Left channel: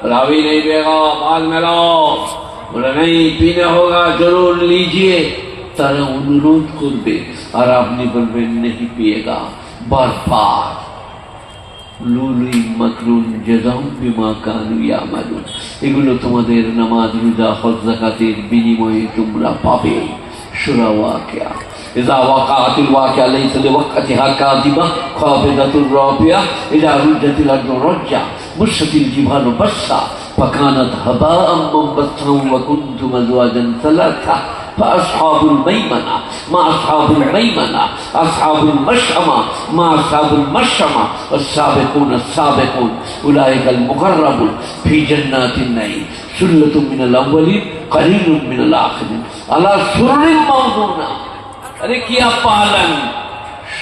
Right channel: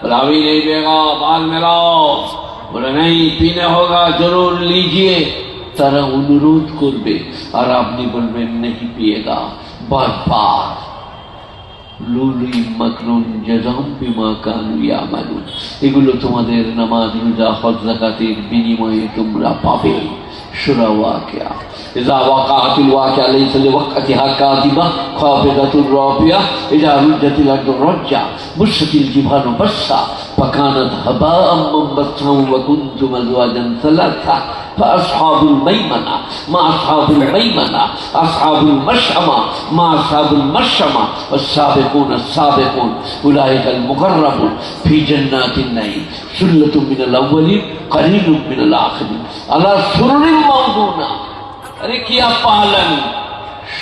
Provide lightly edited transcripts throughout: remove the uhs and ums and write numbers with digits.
बोला अभी नहीं पिएगा, बाद में लाओ। बोले नहीं पीना होगा, जरूर लीजिए। तारा अनुरोध करबे और आपनी बोलबेन नहीं पिएगा। बार बार লুলুই মাকরুন জাযাম বিমা কানু ইয়ামালুন, এগুলো তোমাদের নামাজ রোজা হজ যাকাতের বিনিময়ে তোমরা পাবে। সূরা ওয়াকিয়া। ইযা ওয়াকাআতুল ওয়াকিয়া লাইসা লিওয়াকতিহা কাযিবা খাফিদাতুর রাফিয়া ইযা রুজ্জাতিল আরদু রাজ্জা বুশাতিল জিবালু বাসসা ফাকানাত হাবাআম মুনবাসসা ওয়া কুনতুম আজওয়াজান সালাসা فأصحاب الميمنة ما أصحاب الميمنة أصحاب المشأمة ما أصحاب المشأمة والسابقون السابقون أولئك المقربون في جنات النعيم ثلة من الأولين قليل من الآخرين على سرر موضونة। अरे क्या पालन,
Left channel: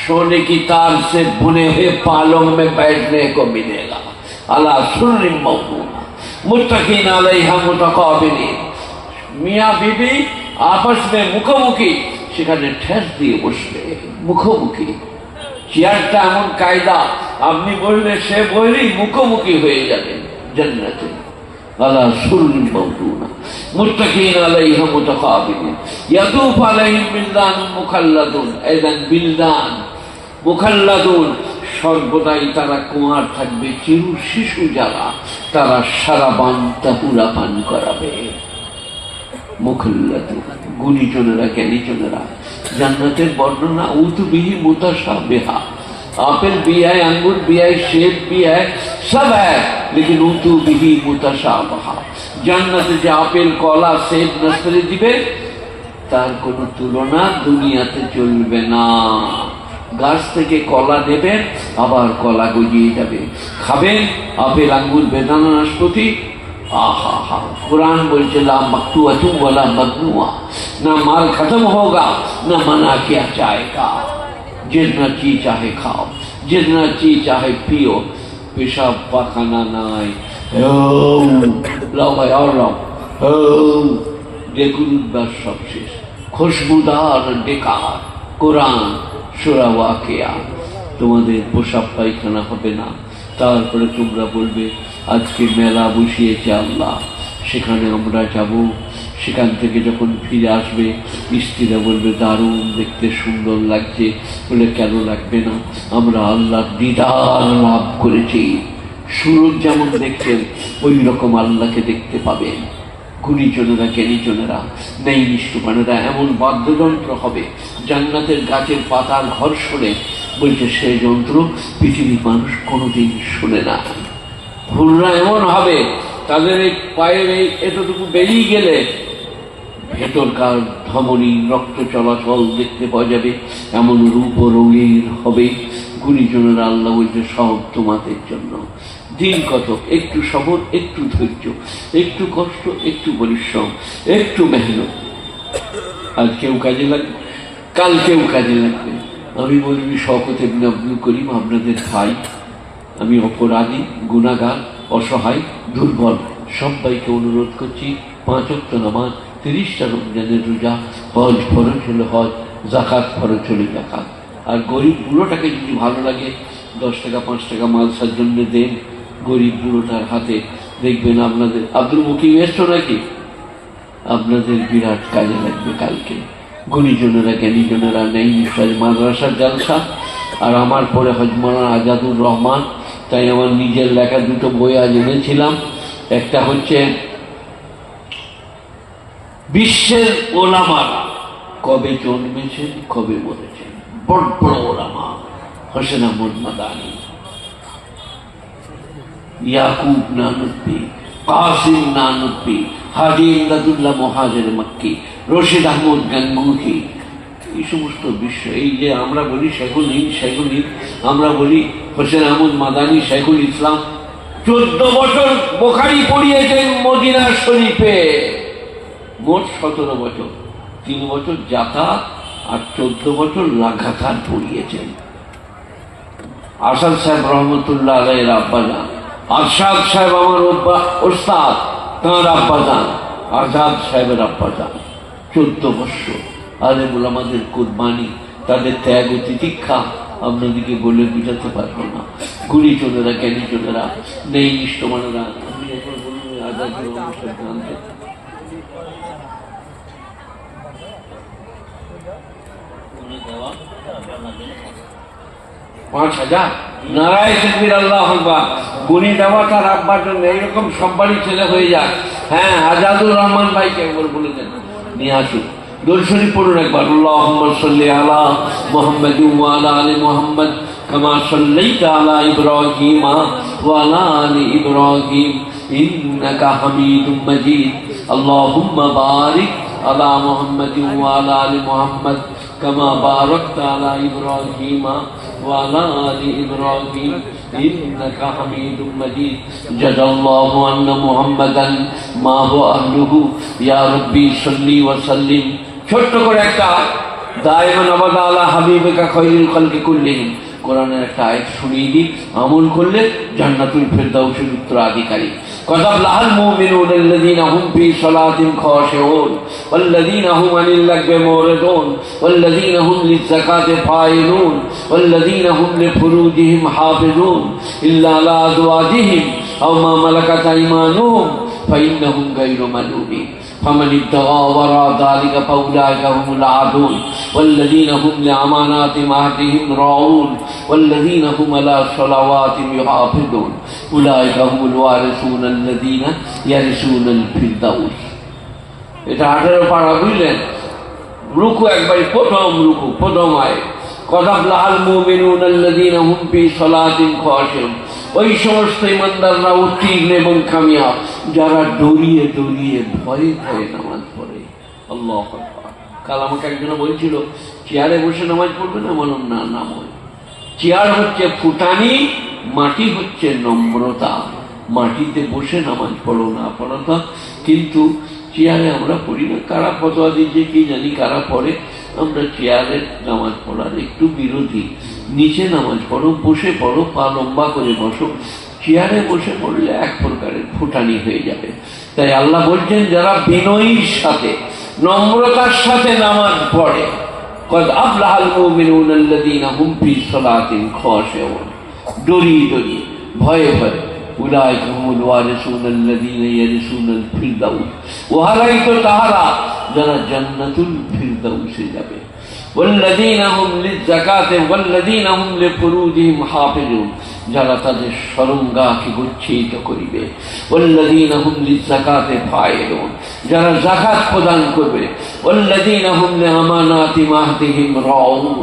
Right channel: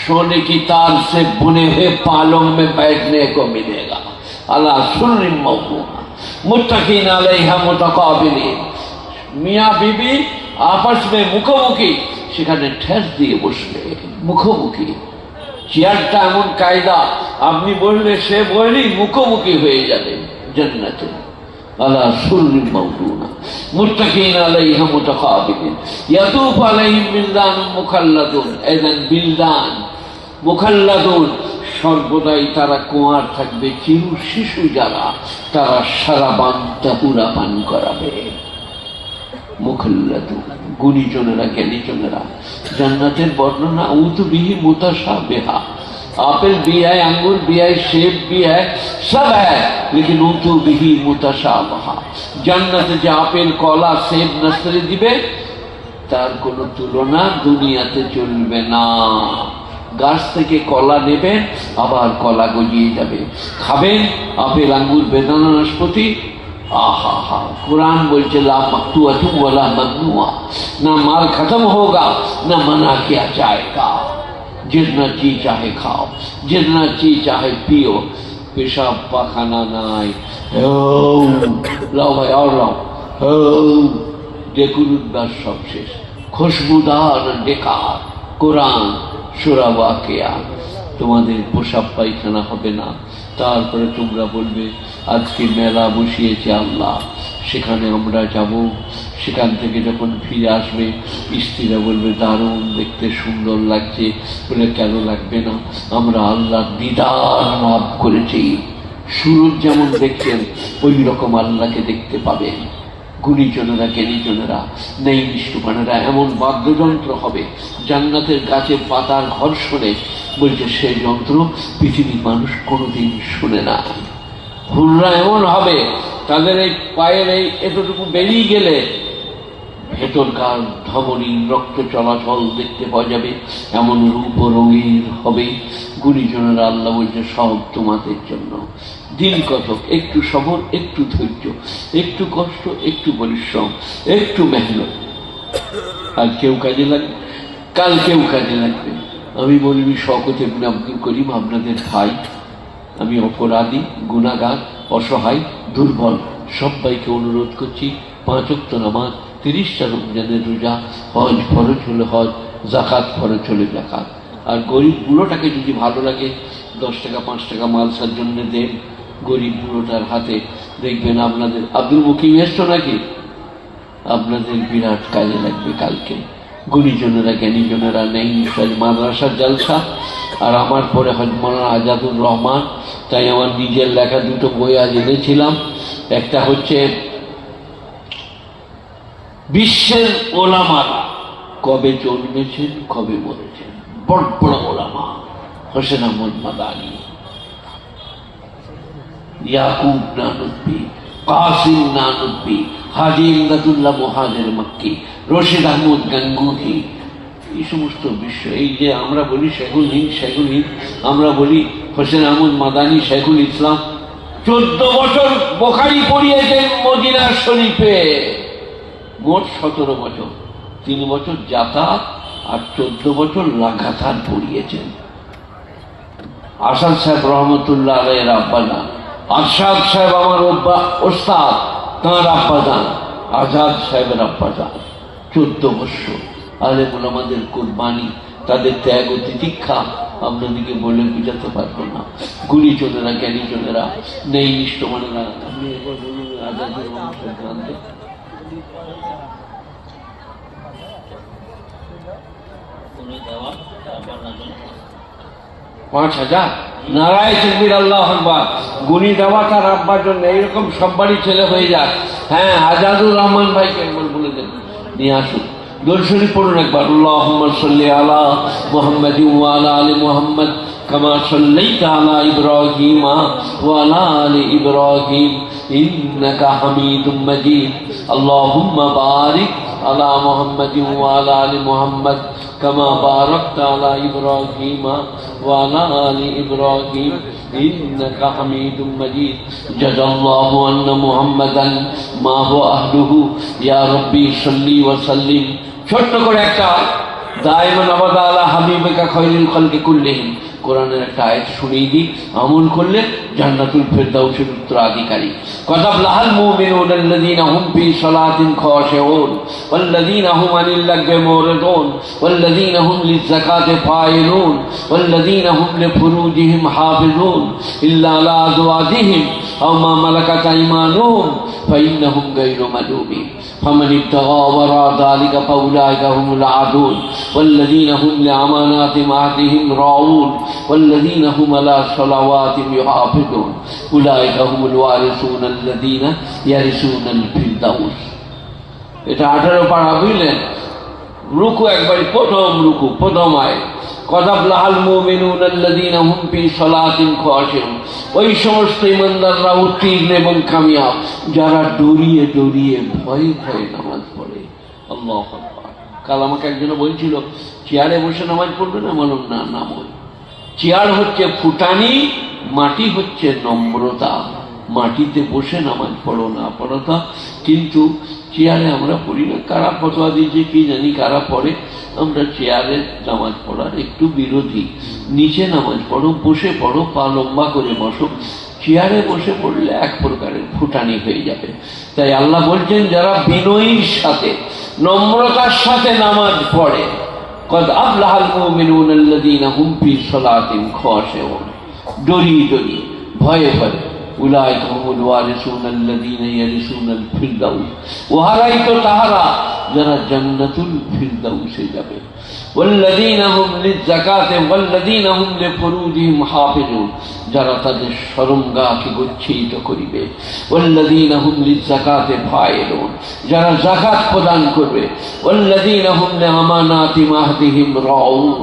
सोने की तार से बुने हुए पालों में बैठने को मिलेगा। अला सुर्र मौजूना मुत्तकीन अलैहा मुतकाबिलीन, मियाँ बीबी आपस में मुखोमुखी, সেখানে ঠেস দিয়ে বসবে মুখোমুখি। চেয়ারটা এমন কায়দা, আপনি বললে সে বইলেই মুখোমুখি হয়ে যাবে জান্নাতে। আলা সুররিন মাওদুনা মুত্তাকিন আলাইহা মুতাকাবিলিন ইয়াতুফু আলাইহিম বিলদান মুখাল্লাদুন। এদান বিলদান মুখাল্লাদুন, সর্বদাই তারা কুমার থাকবে, চিরু শিশু যারা, তারা সারাবান তাতুরা পান করাবে। মুখাল্লাদুন গুণীজনেরা জ্ঞানীজনেরা। জান্নাতের বর্ণনা উতু বিহি মুতাশাবিহা, আপেল भी है, अंगूर भी है, सेब भी है, सब है, लेकिन उतु बिही मुताशाबिहा। জান্নাতে যে আপেল কলা সেব নাসরি দিবে তার কোনো তুলনা দুনিয়াতে চলবে না। গাছ থেকে কলা নেবেন, আবার কলা গজিয়ে যাবে, খাবেন আপেল আঙ্গুর বেদানা নাশপাতি। आहा, कुरान बोलते ला मक्तूअतुन वला ममनुआ, ना माल खत्म होगा ना मना किया जाएगा। जितना ची चाहे खाओ, जितना ची चाहे पियो, पेशाब पाखाना নাই। লাও ভাই আর লাও, দেখুন উদ্বাস সব শেষ, খুশবুদার ডেকার কোরআন সূরা ওয়াকিয়া। তোমাদের পোশাক পায়খানা হবে না। তারপরে তোমরা বলবে আজকে মেলা বসিয়েছে আল্লাহ, সেখানে আমরা যাব। সেখান থেকে যখন ফিরে আসবে স্ত্রীরা বলবে দারুণ দেখতে, সুন্দর লাগছে। বলে কেন লাগবে না, আমরা আল্লাহর দিদার লাভ করেছি। সুরজ যেমন দেখছেন ওই রকম আল্লাহকে দেখতে পাবেন। গুণীজনেরা জ্ঞানীজনেরা নেই নিষ্ঠুমানেরা এমন বাদ্যযন্ত্র হবে জান্নাতের গাছের পাতার ঘর্ষণে, বলছে সেই যন্ত্র পৃথিবীর মানুষ কোনোদিন শুনে না। হুররা এমন হবে তাদের এই পায়ের এই এতটুকু বেরিয়ে গেলে ভেতরকার ধমনী রক্ত চলাচল দেখতে পাওয়া যাবে, এমন রূপ রঙের হবে। গুণীজনেরা আল্লাহ বলছে সব তোমাদের জন্য। দিন কত, একটু সবর, একটু ধৈর্য, একটু কষ্ট, একটু পরিশ্রম, একটু মেহনত। আজ কেউ কাজে লাগবে, কাল কেউ কাজে লাগবে। আমি মৌলভী শওকত ইবনে আব্দুল করিম আপনাদের ভাই। আমি অপরাধী, গুনাহগার, অসহায়, দুর্বল। সবাইকে অনুরোধ করছি 5 ওয়াক্ত নামাজ, 30টা রমজানের রোজা, হজ ফরজ হলে হজ, যাকাত ফরজ হলে যাকাত। আর গরিব বুড়োটাকে যদি ভালো লাগে 10 টাকা 5 টাকা মালসার জন্য দেন গরিব বুড়োটার হাতে, দেখবেন আপনাদের আব্দুল মুকিম এসছো নাকি, আপনাদের বিরাট কাজে লাগবে কালকে। গুণীজনেরা জ্ঞানীজনেরা নেই মাদ্রাসার জালসা, আর আমার পরে হজ মাওলানা আজাদুর রহমান। তাই আমার নিজের লেখা 2টো বই আজ এনেছিলাম। একটা হচ্ছে বিশ্বের ওলামারা কবে জন্মেছেন কবে মরেছেন, বড় বড় ওলামা, হোসেন আহমদ মাদানী, ইয়াকুব নানুব্বি, কাসিম নানুব্বি, হাজি ইমদাদুল্লাহ মুহাজির মক্কি, রশিদ আহমদ গাঙ্গুহি। এই সমস্ত বিশ্ব, এই যে আমরা বলি শেখুল হিন্দ, আমরা বলি হোসেন আহমদ মাদানী শেখুল ইসলাম। 14 বছর বুখারী পড়িয়েছেন মদিনা শরীফে, মোট 17 বছর। 3 বছর যাতায়াত আর 14 বছর লাগাতার পড়িয়েছেন। আসাদ সাহেব রহমতুল্লাহ আলাইহির আব্বাজান, আরশাদ সাহেব আমার ওস্তাদ, তাঁর আব্বাজান, আজাদ সাহেবের আব্বাজান। 14 বছর আলেম ওলামাদের কুরবানি, তাদের ত্যাগ ও তিতিক্ষা আপনাদেরকে বলে বুঝাতে পারবো না। গুণীজনেরা জ্ঞানীজনেরা নেই নিষ্ঠমানেরা। 5,000 নারায়ে তাকবীর, আল্লাহু আকবার। গুনি দেওয়া তার আব্বার জন্য, এইরকম সব বাড়ি ছেলে হয়ে যায়। হ্যাঁ, আজাদুর রহমান ভাইকে একবার বলে দেন নিয়ে আসুন। দরুদ শরীফ পড়ুন একবার। আল্লাহুম্মা সাল্লি আলা মুহাম্মাদ ওয়া আলা আলি মুহাম্মাদ কামা সাল্লাইতা আলা ইব্রাহিম ওয়া আলা আলি ইব্রাহিম ইন্নাকা হামিদুম মাজিদ। আল্লাহুম্মা বারিক আলা মুহাম্মাদ ওয়া আলা আলি মুহাম্মাদ কামা বারাকতা আলা ইব্রাহিম ওয়া আলা আলি ইব্রাহিম ইন্নাকা হামিদুম মাজিদ। জাযাল্লাহু আন্না মুহাম্মাদান মা হুয়া আহলুহু ইয়া রাব্বি সাল্লি ওয়া সাল্লিম। ছোট্ট করে একটা দায়মান আবাদা আলা হাবিবিকা খায়রুল খালকি কুল্লিহিম, কোরআনের একটা আয়াত শুনিয়ে দিই, আমল করলে জান্নাতুল ফিরদাউসের উত্তরাধিকারী। কাযাবলাল মুমিনুনা আল্লাযীনা হুম ফি সালাতিহিম খাশিউন ওয়াল্লাযীনা হুম আনিল লাগwi মুরিদুন ওয়াল্লাযীনা হুম লিয-যাকাতি ফাইলুন ওয়াল্লাযীনা হুম লিফুরুজিহিম হাফিজুন ইল্লা আলা আজওয়াজিহিম আও মা মালাকাত আইমানুহুম فإنهم غير ملومين فمن ابتغى وراء ذلك فأولئك هم العادون والذين هم لأماناتهم وعهدهم راعون والذين هم على صلواتهم يحافظون أولئك هم الوارثون الذين يرثون الفردوس। এটা 18 পারা বুঝলেন? রুকু একবার, প্রথম রুকু, প্রথম আয়াত। কাযাবলাল মুমিনুনা আল্লাযীনা হুম ফি সালাতিহিম খাশিউন, ওই সমস্ত ইমানদাররা উত্তীর্ণ এবং কামিয়াব যারা ডরিয়ে ডরিয়ে ভয়ে ভয়ে নামাজ পড়ে। আল্লাহু আকবার। কাল আমাকে একজন বলছিল চেয়ারে বসে নামাজ পড়বে না, বলুন না, না বল। চেয়ার হচ্ছে ফুটানি, মাটি হচ্ছে নম্রতা। মাটিতে বসে নামাজ পড়ো না পড়তা, কিন্তু চেয়ারে আমরা পড়ি না। কারা ফতোয়া দিচ্ছে কি জানি, কারা পড়ে। আমরা চেয়ারে নামাজ পড়ার একটু বিরোধী। নিচে নামাজ পড়ো, বসে পড়ো, পা লম্বা করে বসো। চেয়ারে বসে পড়লে এক প্রকারের ফুটানি হয়ে যাবে। তাই আল্লাহ বলছেন যারা বিনয়ীর সাথে, নম্রতার সাথে নামাজ পড়ে, قد أفلح المؤمنون الذين هم في صلاتهم خاشعون, ডরিয়ে ডরিয়ে ভয়ে ভয়ে, উলাইকা হুমুল ওয়ারিসুন আল্লাযীনা ইয়ারিসুনাল ফিরদাউস, ওহারাই তো তাহারা যারা জান্নাতুল ফিরদাউসে যাবে। ওয়াল্লাযীনা হুম লিয-যাকাতি ওয়াল্লাযীনা হুম লিফুরুজিহিম হাফিজুন, যারা তাদের শরণগাহকে গচ্ছিত করিবে। ওয়াল্লাযীনা হুম লিয-যাকাতি ফাইলুন, যারা যাকাত প্রদান করবে। ওয়াল্লাযীনা হুম লিআমানাতিহিম ওয়াহদিহিম রাউন,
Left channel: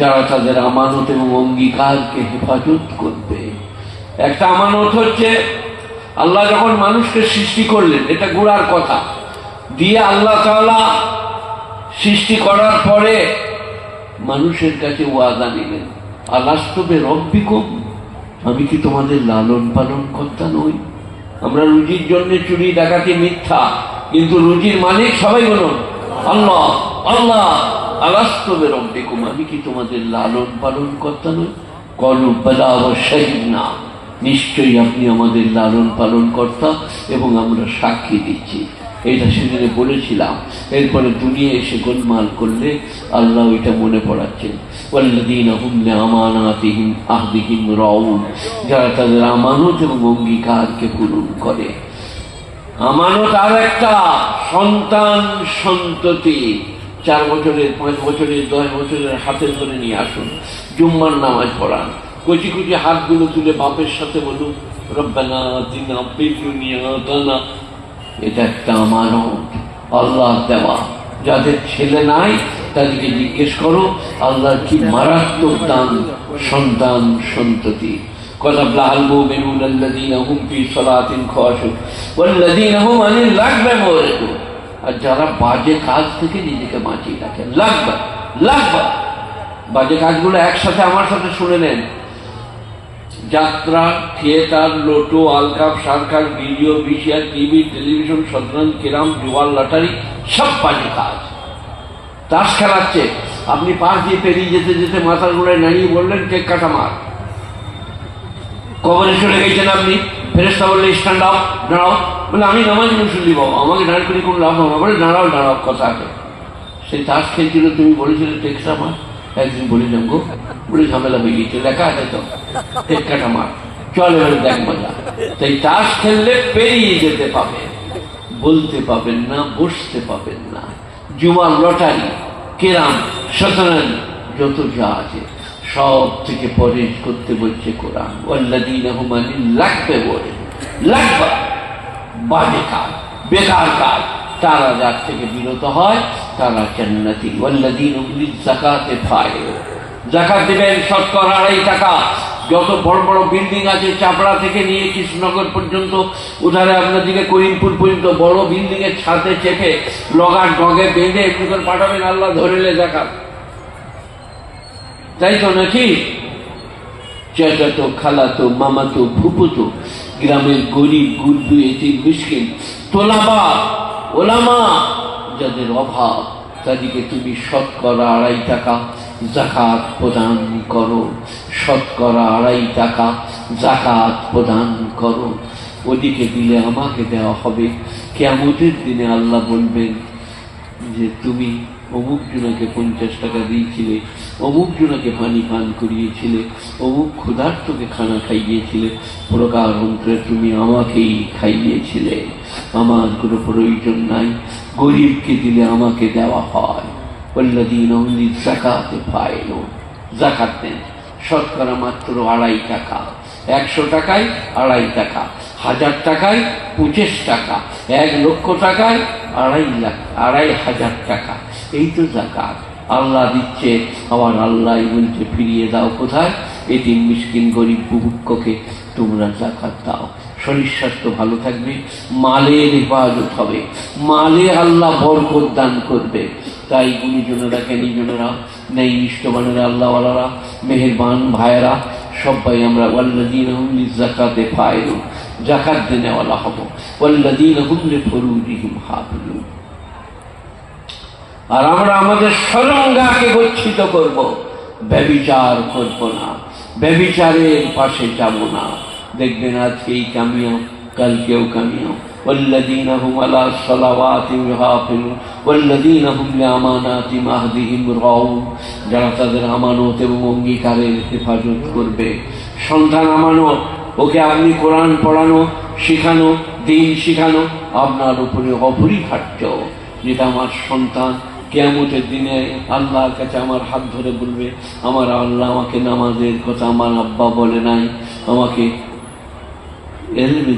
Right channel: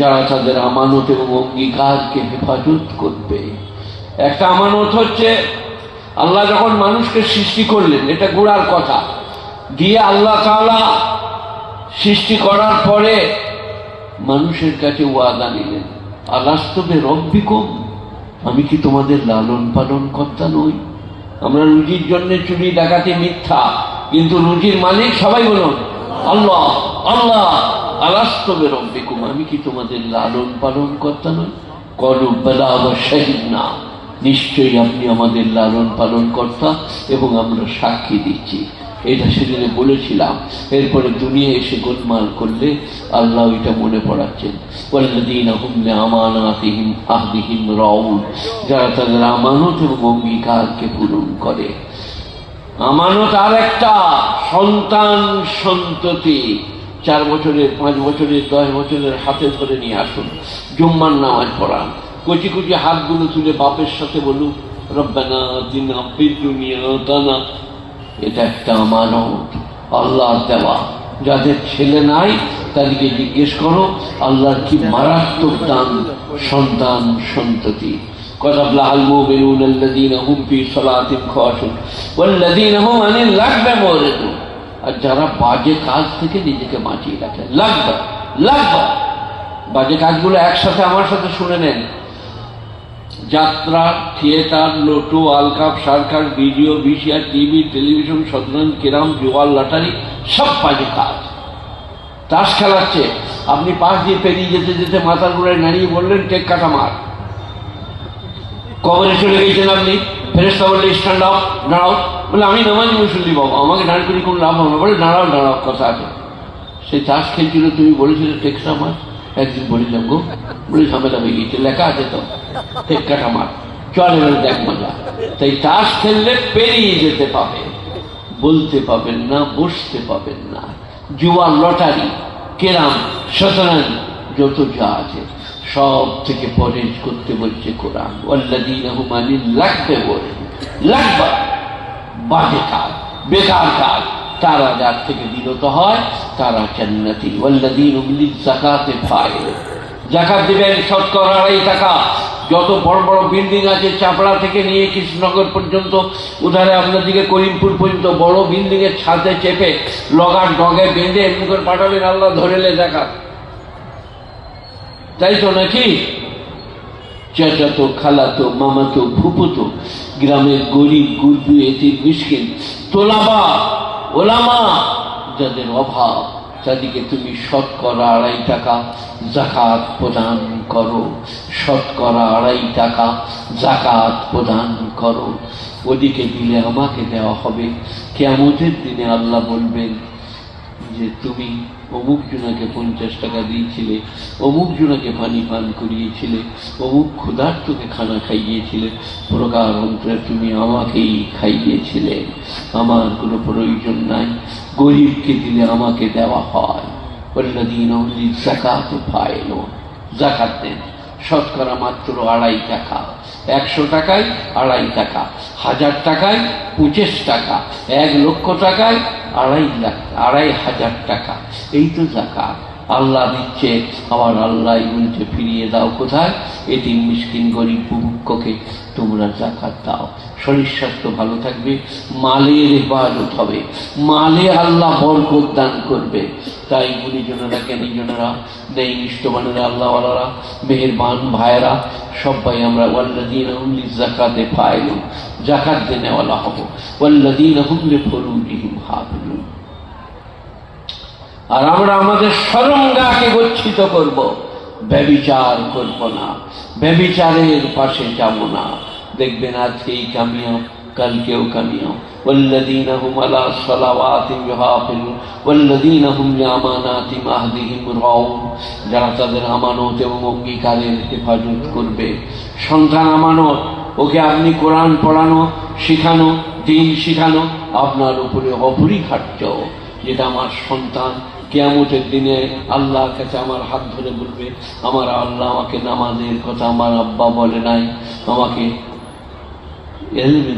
যারা তাদের আমানত এবং অঙ্গীকারকে হেফাজত করবে। একটা আমানত হচ্ছে আল্লাহ যখন মানুষকে সৃষ্টি করলেন, এটা গোড়ার কথা দিয়ে আল্লাহ তাআলা সৃষ্টি করার পরে মানুষের কাছে ওয়াদা নিলেন, আলাস্তু বিরব্বিকুম, আমি কি তোমাদের লালন পালন কর্তা নই? আমরা রুজির জন্য চুরি ডাকাতি মিথ্যা, কিন্তু রুজির মালিক সবাই বলুন আল্লাহ। আল্লাহ, আলাস্তু বিরব্বিকুম, আমি কি তোমাদের লালন পালন কর্তা নই? ক্বালু বালা ওয়া শাহিদনা, নিশ্চয়ই আপনি আমাদের লালন পালন কর্তা এবং আমরা সাক্ষী দিচ্ছি। এটা সেদিনে বলেছিলাম। এরপরে দুনিয়া এসে গোলমাল করলে আল্লাহ এটা মনে পড়াচ্ছেন, ওয়াল্লাযীনা হুম লিআমানাতিহিম আহদিহিম রাউন, যারা তাদের আমানত এবং অঙ্গীকারকে পূরণ করে। আমানত আর একটা সন্তান সন্ততি, 4 বছরের, 5 বছরের, 10 বছরের হাতে ধরে নিয়ে আসুন, জুম্মার নামাজ পড়ান, কচি কচি হাতগুলো তুলে বাপের সাথে বলুন রব্বানা আতিনা ফিদ দুনিয়া হাসানা। এটা একটা আমানত, আল্লাহ দেওয়া। যাদের ছেলে নাই তাদেরকে জিজ্ঞেস করো আল্লাহর কি মারাত্মক দান সন্তান সন্ততি। কাযাবলাল মুমিনুনা আল্লাযীনা হুম ফি সালাতিহিম খাশিউন ওয়াল্লাযীনা হুম আনিল লাগwi মুরিদুন, আর যারা বাজে কাজ থেকে নিজেকে বাঁচিয়ে রাখে। লাগবা বাজে কাজগুলো একসাথে আমার সাথে শুনে নেন। যাত্রা, থিয়েটার, লোটো, আলকাপ, circus, video, VCR, TV, television, শতরঞ্জ, ক্যারাম, জুয়া, লটারি, সব বাজে কাজ। তাস খেলাচ্ছে, আপনি পাশ দিয়ে পেরিয়ে যেতে যেতে মাথার গোড়ায় দাঁড়িয়ে বললেন টেক কাটা মার, কবরে চলে গেছেন আপনি। ফেরেশতা বলে স্ট্যান্ড আপ, দাঁড়াও। বলে আমি নামাজি মুসল্লি বাবা, আমাকে দাঁড়িয়ে করে কোনো লাভ হলো। বলে দাঁড়াও দাঁড়াও, কথা আছে। সে তাস খেলছিল, তুমি বলেছিলে টেক কাটা মার। একদিন বলেছিলাম গো, বলে ঝামেলা হয়ে গেছে, লেখা আছে তো টেক কাটা মার, চল এবারে দেখ মজা। তাই তাস খেললে পেরিয়ে যেতে পাবেন, বলতে পাবেন না, বসতে পাবেন না। জুয়া, লটারি, কেরাম, শতরঞ্জ, যত যা আছে সব থেকে পরেজ করতে বলছে কোরআন। ওয়াল্লাযীনা হুম আনিল লাগবে বলে, লাগবা বাজে কাজ, বেকার কাজ, তারা যার থেকে বিরত হয় তারা জান্নাতি। ওয়াল্লাযীনা হুম লিয-যাকাতি ফাইলুন, যাকাত দিবেন শতকরা 2.5 টাকা। যত বড় বড় বিল্ডিং আছে চাপড়া থেকে নিয়ে কৃষ্ণনগর পর্যন্ত, উধারে আপনাদেরকে করিমপুর পর্যন্ত বড় বিল্ডিং এর ছাদে চেপে লগার ডগে বেঁধে এমনি করে পাঠাবেন, আল্লাহ ধরেলে যাকাত। তাই তো নাকি? চাচাতো, খালাতো, মামাতো, ফুপুতো, গ্রামের গরিব গুরবু, এতিম, মিসকিন, তোলাবা, ওলামা, যাদের অভাব, তাদেরকে তুমি শতকরা 2.5 টাকা যাকাত প্রদান করো। শতকরা 2.5 টাকা যাকাত প্রদান করো। ওদিকে দিলে আমাকে দেওয়া হবে। কিয়ামতের দিনে আল্লাহ বলবেন যে তুমি অমুক জনাকে 50 টাকা দিয়েছিলে, অমুক জনাকে পানি পান করিয়েছিলে, অমুক ক্ষুধার্তকে খানা খাইয়েছিলে, প্রকার অন্তরে তুমি আমাকেই খাইয়েছিলে। আমার কোনো প্রয়োজন নাই, গরিবকে দিলে আমাকে দেওয়া হয়। ওয়াল্লাযীনা হুম লিয-যাকাতি ফাইলুন, যাকাত দেন শতকরা মাত্র 2.5 টাকা। 100 টাকায় 2.5 টাকা, 1000 টাকায় 25 টাকা, 1 লক্ষ টাকায় 2.5 টাকা। এই তো যাকাত। আল্লাহ দিচ্ছে, আবার আল্লাহ বলছে ফিরিয়ে দাও কোথায়? এতিম, মিসকিন, গরিব, বুভুক্ষকে তোমরা যাকাত দাও। শরীর স্বাস্থ্য ভালো থাকবে, মালের ইবাদত হবে, মালে আল্লাহ বরকত দান করবে। তাই গুণীজনেরা, জ্ঞানীজনেরা, নেই নিষ্ঠবানেরা, আল্লাহওয়ালারা, মেহেরবান ভাইয়েরা, সবাই আমরা ওয়াল্লাযীনা হুম লিয-যাকাতি ফাইলুন, যাকাত দেনেওয়ালা হব। ওয়াল্লাযীনা হুম লিফুরুজিহিম হাফিজুন। আর আমরা আমাদের সরঙ্গাকে গচ্ছিত করব, ব্যভিচার করব না, ব্যভিচারের পাশে যাব না। দেখবেন আজকেই কামিও, কালকেও কামিও। ওয়াল্লাযীনা হুম আলা সালাওয়াতিহিম ইউহাফিজুন ওয়াল্লাযীনা হুম লিআমানাতিহিম আহদিহিম রাউন, যারা তাদের আমানত এবং অঙ্গীকারের হেফাজত করবে। সন্তান আমানত, ওকে আপনি কোরআন পড়ানো, শিখানো, দিন শিখানো আপনার উপরে অপরিহার্য। যেটা আমার সন্তান কিয়ামতের দিনে আল্লাহর কাছে আমার হাত ধরে বলবে, আমার আল্লাহ আমাকে নামাজের কথা আমার আব্বা বলে নাই, আমাকে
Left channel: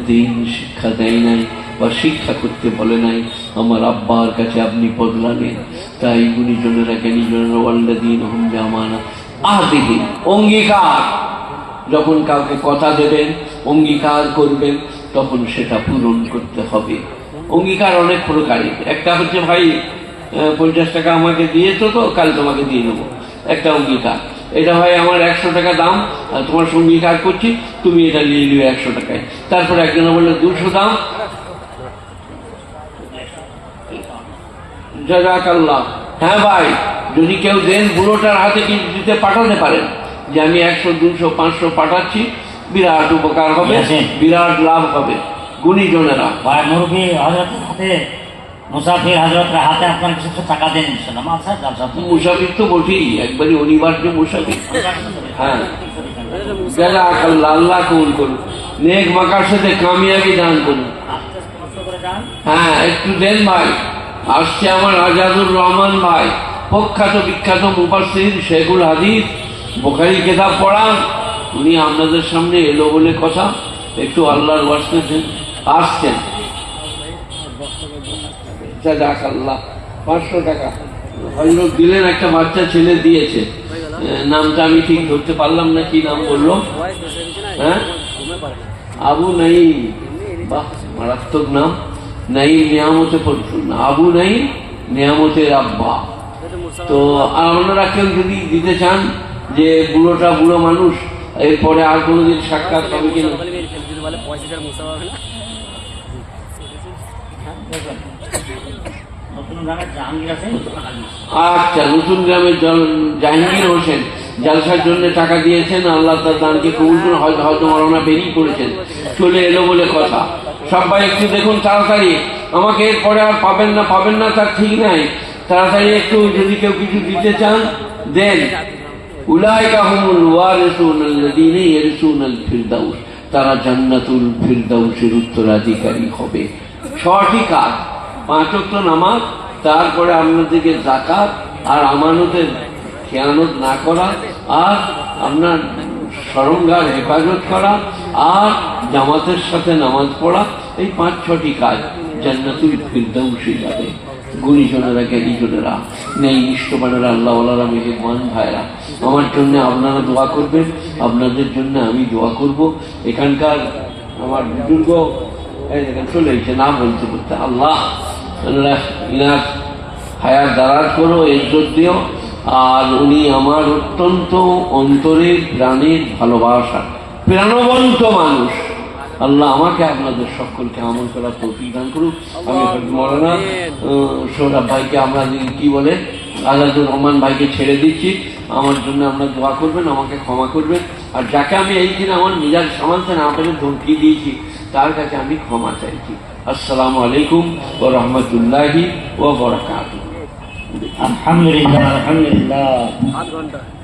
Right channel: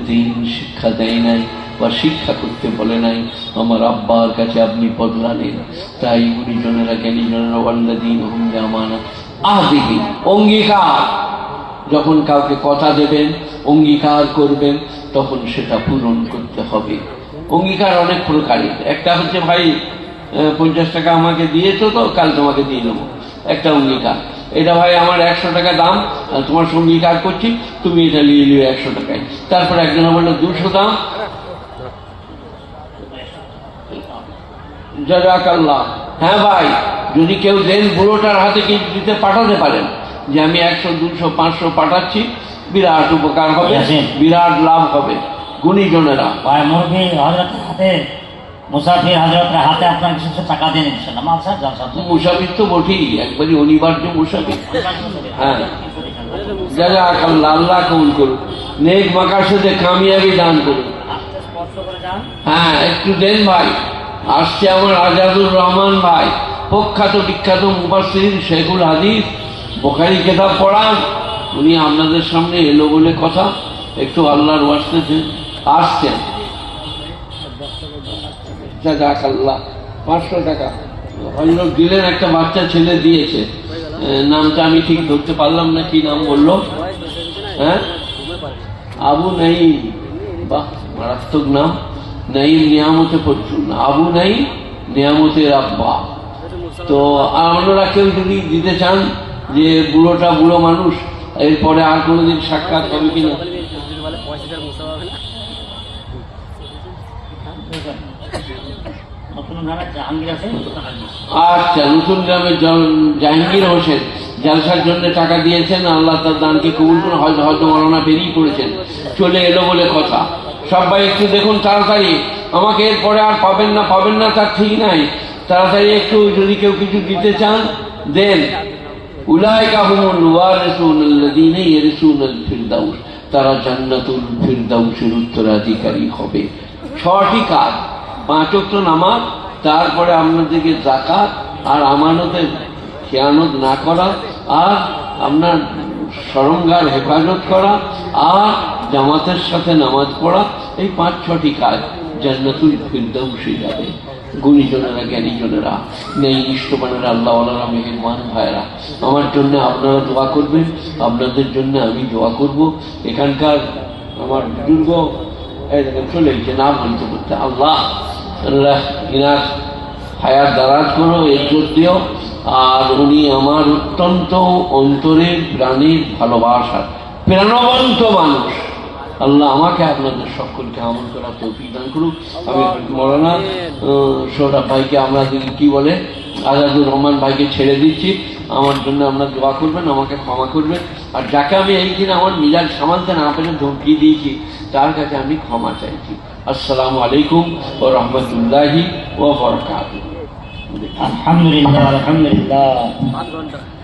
দিন শিক্ষা দেয় নাই বা শিক্ষা করতে বলে নাই, আমার আব্বার কাছে আপনি বদলা নেন। তাই গুণীজনেরা, জ্ঞানীজনেরা ওয়াল্লাযীনা হুম লিআমানাতিহিম আহদিহিম, অঙ্গীকার, যখন কাউকে কথা দেবেন, অঙ্গীকার করবেন, তখন সেটা পূরণ করতে হবে। অঙ্গীকার অনেক প্রকারের। একটা হচ্ছে ভাই 50 টাকা আমাকে দিয়েছো তো কাল তোমাকে দিয়ে নেবো, একটা অঙ্গীকার। এটা ভাই আমার 100 টাকা দাম, তোমার সঙ্গে অঙ্গীকার করছি, তুমি এটা নিয়ে নিবে 100 টাকায়। তারপরে একজন বললো 200 দাম, জাযাকাল্লাহ। হ্যাঁ ভাই, যদি কেউ দেন বুড়োটার হাতে কিছু দিতে পাঠাতে পারেন, যে আমি 100, 200, 500 পাঠাচ্ছি, বিরাট উপকার হবে, বিরাট লাভ হবে। গুণীজনেরা ভাই মুরগি হযরতের হাতে, মুসাফির হযরতের হাতে আপনার কিছু টাকা দেন ইনশাআল্লাহ। মানসার জলসা মুসাফির তো বটেই, একবারই অনিবার্য মুসাফির। হ্যাঁ, জাযাকাল্লাহ, আল্লাহ কবুল করুন, নেক মাকাসদে কামিয়াবি দান করুন। হ্যাঁ, একটু দেন ভাই। আসছে আমার আজাদুর রহমান ভাই, প্রখ্যাত বিখ্যাত মুফাসসির, শেখুল হাদিস, বুখারী কিতাব পড়ান। উনি আপনাদের সামনে এলো বলে কথা, একটু আল্লাহর ওয়াস্তে আসছেন। জাযাকাল্লাহ, 500 টাকা হযরত দিলেন, একটা বাচ্চা ছেলে দিয়েছে, নামটা আমি ঠিক ধরতে পারলাম না, কি নাম বললো? হ্যাঁ, আবু নাঈম। বাহ, মারাত্মক নাম। নাঈম নিয়ামতে পড়তুন না, আবু নাঈম নিয়ামতের আব্বা। তো অন্যরা কেউ যদি দিতে চান, যে বুড়োটা বুড়ো মানুষ, এরপরে আর কোনোদিন সাক্ষাৎ হবে কিনা? আচ্ছা, নতুন গ্রামের জাহাঙ্গীর হোসেন জালসার জন্য টাকা দিয়েছেন, আল্লাহ তার দানকে কবুল করুন। হয়তো ওনারা বেরিয়ে পড়েছেন, চলে এলো বলে কথা। সবাই একটু দেখুন তাড়াতাড়ি, আমাকে এরপরে আর পাবেন না তার ঠিক নাই। তাড়াতাড়ি একটু, যদি কেউ কিছু দিতে চান দেন। উলাইকা হুমুল ওয়ারিসুন আল্লাযীনা ইয়ারিসুনাল ফিরদাউস, তারা জান্নাতুল ফিরদাউসের উত্তরাধিকারী হবে। 6টি কাজ, 5 ওয়াক্ত নামাজ, তারপরে আপনাদেরকে যাকাত আর আমানতের খেয়ানত না করা, আর আপনার সরঙ্গার হেফাজত করা, আর জামাতের সাথে নামাজ পড়া, এই 5-6টি কাজ জান্নাতুল ফিরদাউসে যাবে। গুণীজনেরা, জ্ঞানীজনেরা, নেই ইষ্টমানেরা, আল্লাহওয়ালারা, মেহেরবান ভাইরা, আমার জন্য আপনারা দোয়া করবেন, আপনাদের জন্য আমি দোয়া করব। এখানকার আমার বুজুর্গ চলে এসে না বলতে বলতে, আল্লাহ আল্লাহ ইনার হায়াত দারাজ করো, ইজ্জত দিও। আর উনি আমার অত্যন্ত অন্তরের প্রাণের ভালোবাসার প্রাণবন্ত মানুষ। আল্লাহ আমাকে আপনাদের সকলকে আমল করার তৌফিক দান করুক। আমি মৌলানা সৌরভ ভাইকে, আমরা কি বলে আজাদুর রহমান ভাইকে ছেড়ে দিচ্ছি। আমার জন্য আপনার দোয়া করবেন, আমাকে ক্ষমা করবেন। আর যাকে আমি এইখানে আমার নিজের সামানতে না পেরে ধমকি দিয়েছি, তার কাছে আমি ক্ষমা চাইছি। আসসালামু আলাইকুম ওয়া রাহমাতুল্লাহি ওয়া বারাকাতুহু। আলহামদুলিল্লাহ, আলহামদুলিল্লাহ।